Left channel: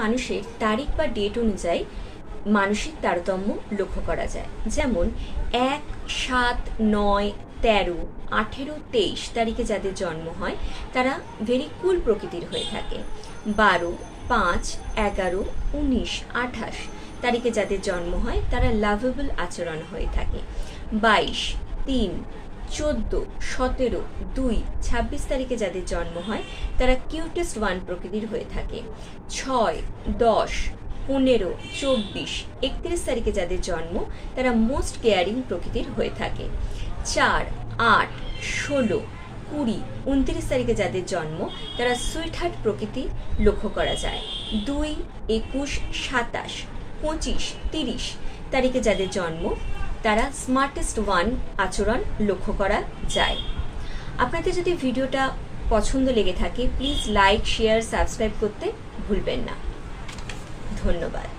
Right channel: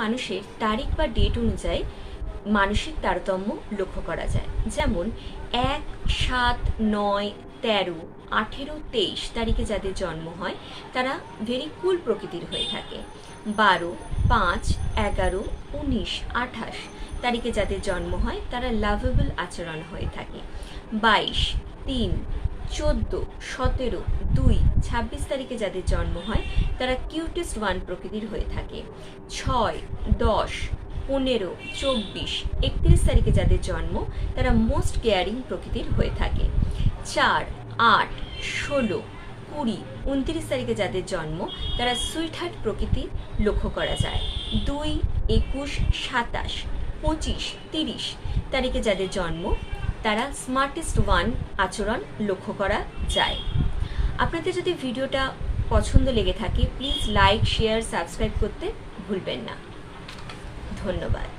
মানুষের তারিখ বা ডেট অনুযায়ী মানসিক তারতম্য লক্ষ্য করা যায়। যেমন 1, 7, 9, 13, 18, 23 তারিখে যাদের জন্ম হয় তারা ভেরি কুল প্রকৃতির হয়ে থাকে। 12, 5, 11, 19, 28 তারিখে যাদের জন্ম হয় তারা লাভেবল আচরণ হয়ে থাকে। 22, 3, 14, 17, 2, 26 তারিখে যাদের জন্ম হয় তারা কিউটেস্ট ওয়ান প্রকৃতির হয়ে থাকে। 6, 10, 15, 24, 31 তারিখে যাদের জন্ম তারা মোস্ট কেয়ারিং প্রকৃতির হয়ে থাকে। 4, 8, 16, 20, 29 তারিখে যাদের জন্ম তারা সুইট হার্ট প্রকৃতি লক্ষ্য করা যায়। 2, 21, 27, 25, 30 তারিখে যাদের জন্ম তারা স্মার্টেস্ট ওয়ান আচরণ লক্ষ্য করা যায়। আপনাদের যদি ভিডিওটা পছন্দ লেগে থাকে প্লিজ লাইক, শেয়ার, সাবস্ক্রাইব করতে ভুলবেন না। ধন্যবাদ।